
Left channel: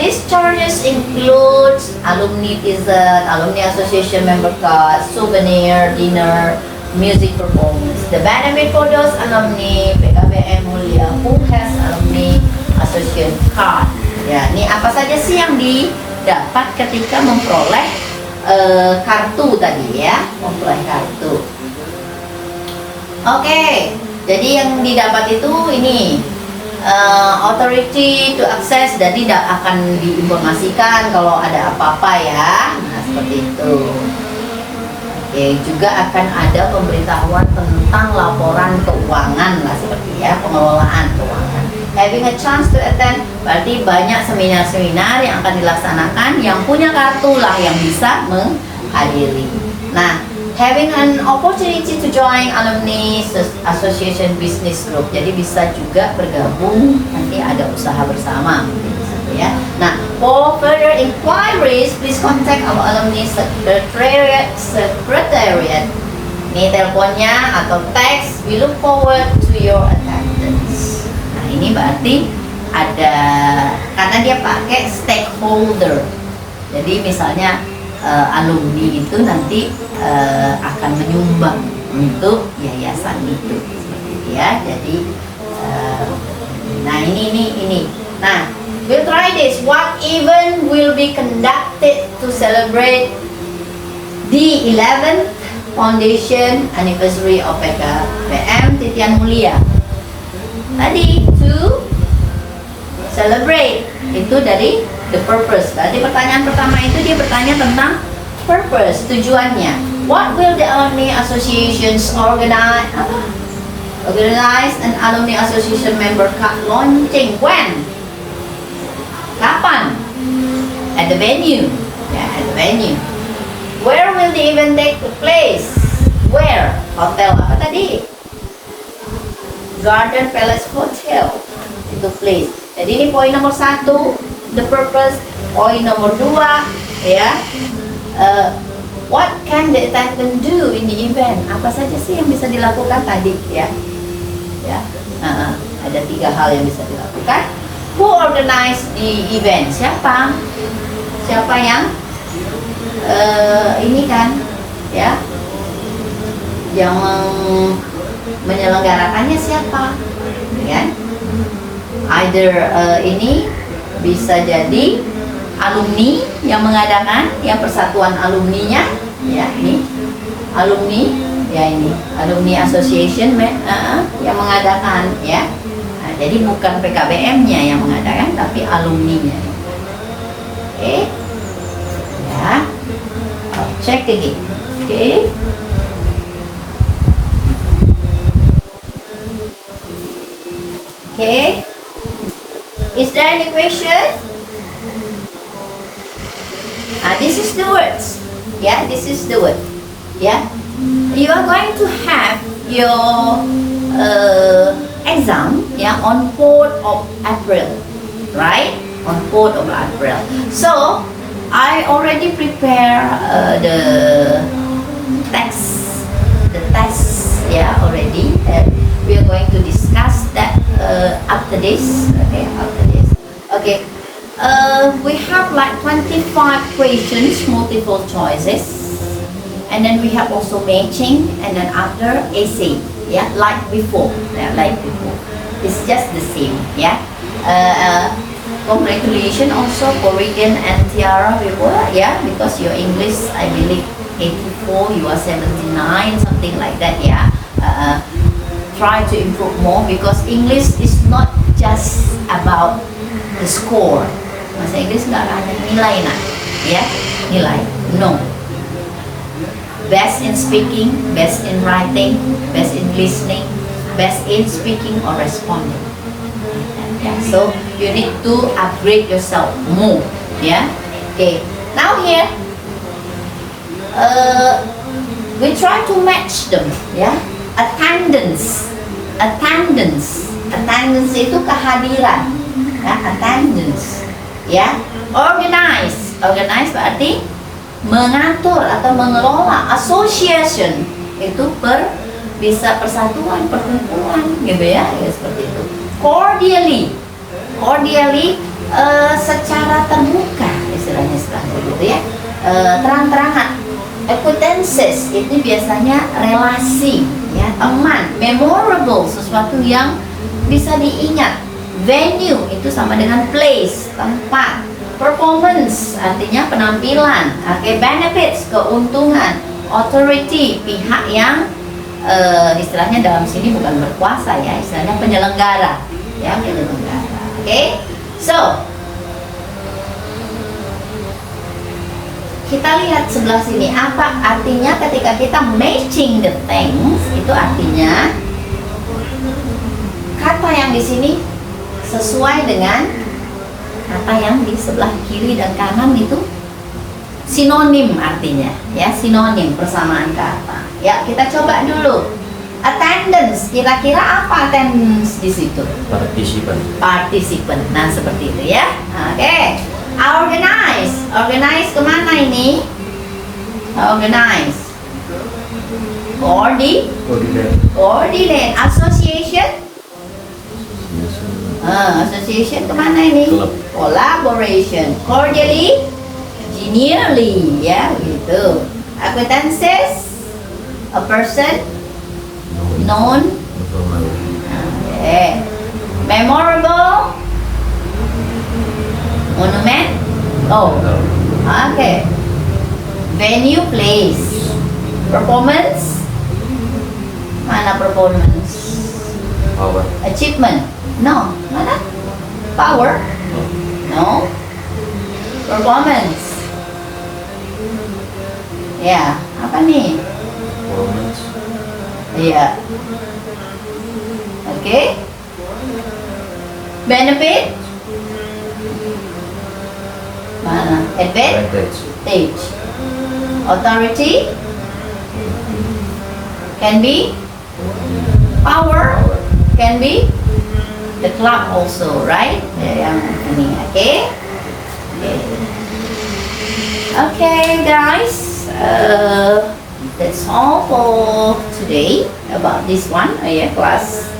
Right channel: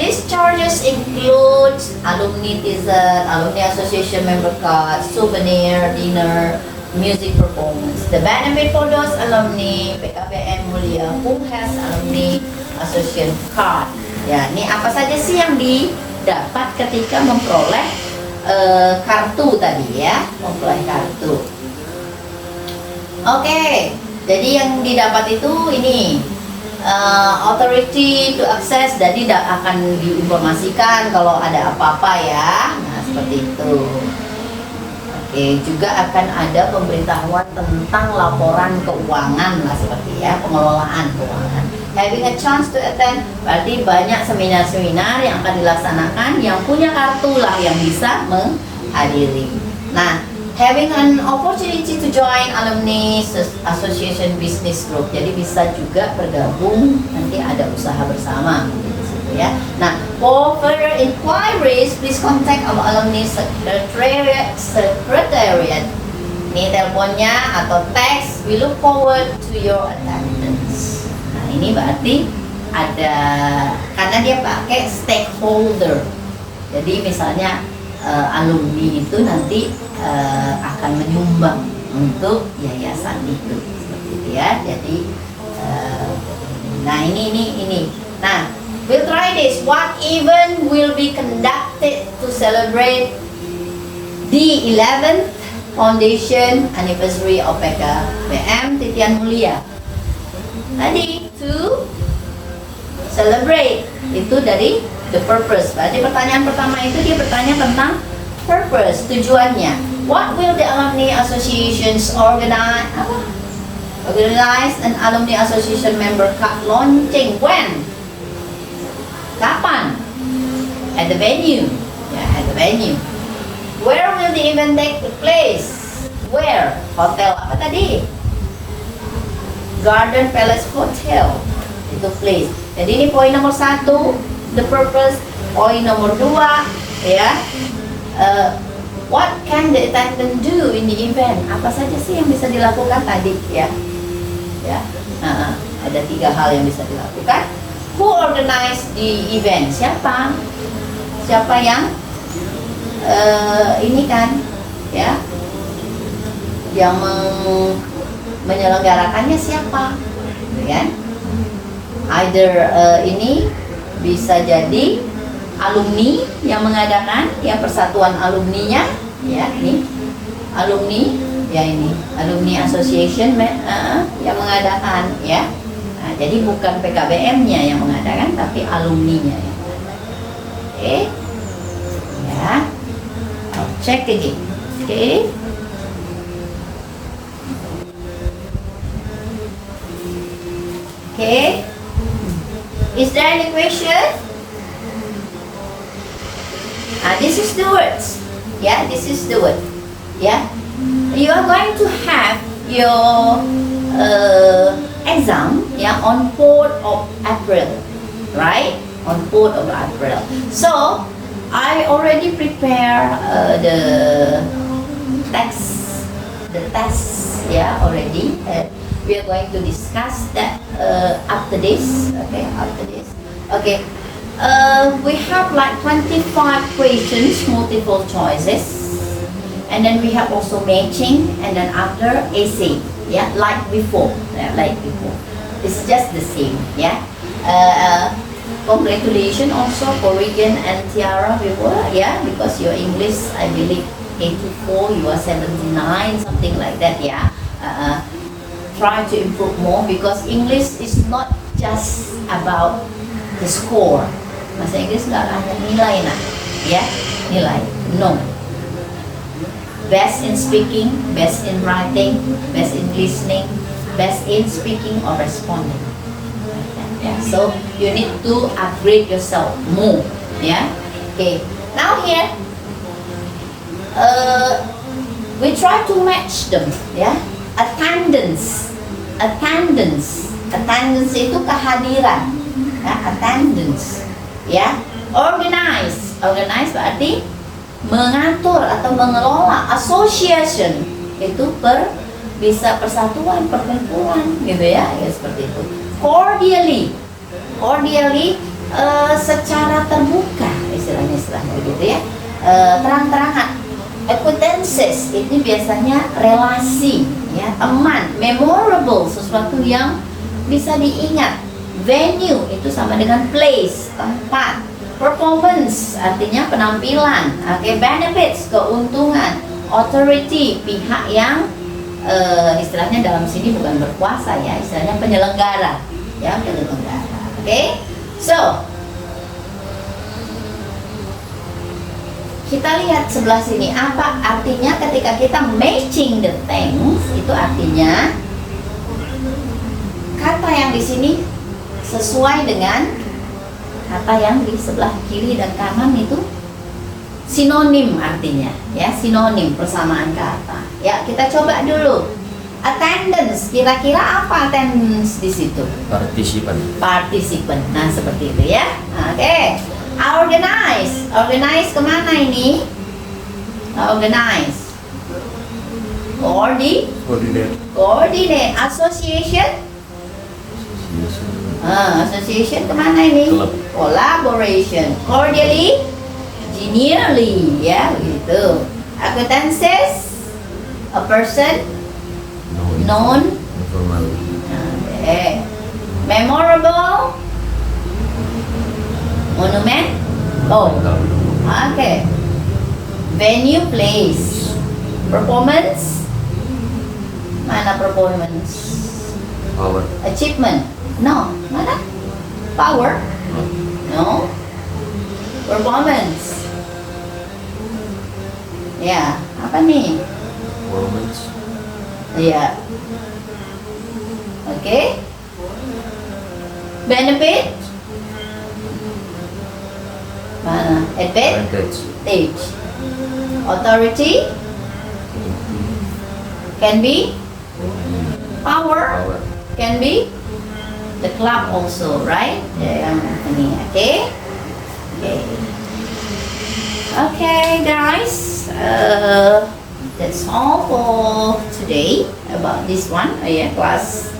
These charges include alumni t-shirt, alumni association member card, souvenir, dinner, music performance. The benefit for those alumni PKBM Mulia who has alumni association card. Ya, ini apa saja sih yang didapat ketika memperoleh kartu tadi ya, memperoleh kartu. Oke, jadi yang didapat itu ini authority to access, jadi akan diinformasikan kalau ada apa-apa ya. Nah, seperti itu. Oke, juga akan ada pemberitahuan tentang laporan keuangan lah, seperti ya, pengelolaan keuangan. Having a chance to attend, berarti banyak seminar-seminar yang akan dilaksanakan. Yang punya kartu lah yang bisa menghadiri. Nah, having an opportunity to join alumni association business group, jadi bisa juga bergabung, nanti ada usaha bersama gitu ya. Nah, for further inquiries, please contact our alumni secretariat. Ini teleponnya atau teks. We look forward to your attendance. Nah, ini berarti ada, karena dia pakai stakeholder. Jadi misalnya alumni itu nanti akan menyumbang untuk yayasan itu, seperti itu ya. Jadi nah ini. Nah, we'll try this. What event will be conducted to celebrate the 11th foundation anniversary of PKBM Titian Mulia? Tadi to celebrate itu dari the purpose. Berarti pertanyaan pertama itu dia bertanya tentang purpose, tujuannya. What will the alumni associations organize an alumni association member card launching when? Kapan? At the venue. Yeah, at the venue. Where will the event take place? Where? Hotel apa tadi? Garden Palace Hotel. Itu place. Jadi ini poin nomor 1, the purpose. Poin nomor 2, ya. What can the attendant do in the event? Apa saja sih yang bisa dilakukan tadi, ya? Ya. Ada 3 hal yang bisa dilakukan. Who organize the event? Siapa? Siapa yang ini kan, ya? Yang menyelenggarakannya siapa? Kan? Either ini bisa jadi alumni yang mengadakan, ya, persatuan alumninya, ya, ini alumni, ya, ini alumni association yang mengadakan, ya. Nah, jadi bukan PKBM-nya yang mengadakan, tapi alumninya. Oke, ya, cek lagi, oke. Okay. Is there any question? This is the words. Yeah, this is the word. Yeah. You are going to have your exam, yeah, on 4th of April, right? On 4th of April. So I already prepare the text, yeah, already. We are going to discuss that after this. Okay, after this. Okay. We have like 25 questions, multiple choices, and then we have also matching, and then after essay. Yeah, like before. Yeah, like before. It's just the same. Yeah. Congratulations also for Regan and Tiara before. Yeah, because your English, I believe 84, you are 79, something like that. Yeah. Try to improve more because English is not just about the score. Bahasa Inggris nggak hanya nilai, nah, ya, nilai. No. Best in speaking, best in writing, best in listening, best in speaking or responding. Yeah. So you need to upgrade yourself more. Yeah. Okay. Now here, we try to match them. Yeah. Attendance itu kehadiran, ya, attendance, ya. Organize berarti mengatur atau mengelola. Association itu bisa persatuan, perkumpulan, gitu ya, seperti itu. Cordially secara terbuka, istilahnya gitu ya, terang-terangan. Acquaintances ini biasanya relasi, ya, teman. Memorable, sesuatu yang bisa diingat. Venue itu sama dengan place, tempat. Performance artinya penampilan. Oke, benefits, keuntungan. Authority, pihak yang istilahnya dalam sini bukan berkuasa, ya, istilahnya penyelenggara, ya, penyelenggara. Oke, so kita lihat sebelah sini, apa artinya ketika kita matching the things. Itu artinya kata yang di sini sesuai dengan kata yang di sebelah kiri dan kanan, itu sinonim artinya, ya, sinonim, persamaan kata. Ya, kita coba dulu. Attendance, kira-kira apa attendance di situ? Partisipan. Nah, seperti itu, ya. Oke. Organize kemana ini? Organize. Coordinate. Association kemana ini? Collaboration. Cordially, genially, ya, gitu. Acquaintances, a person known. Memorable, monument. Okay. Venue, place. Performance, mana performance? Power. Achievement, no. Mana? Power, no. Performance, ya. Apa nih? Performance. Iya. Oke. Benefit. Mana? Advantage. Advantage. Authority. Can be. Power. Power. Can be. The club also, right? Yang ini, oke? Okay, guys. That's all for today about this one. Oh yeah, class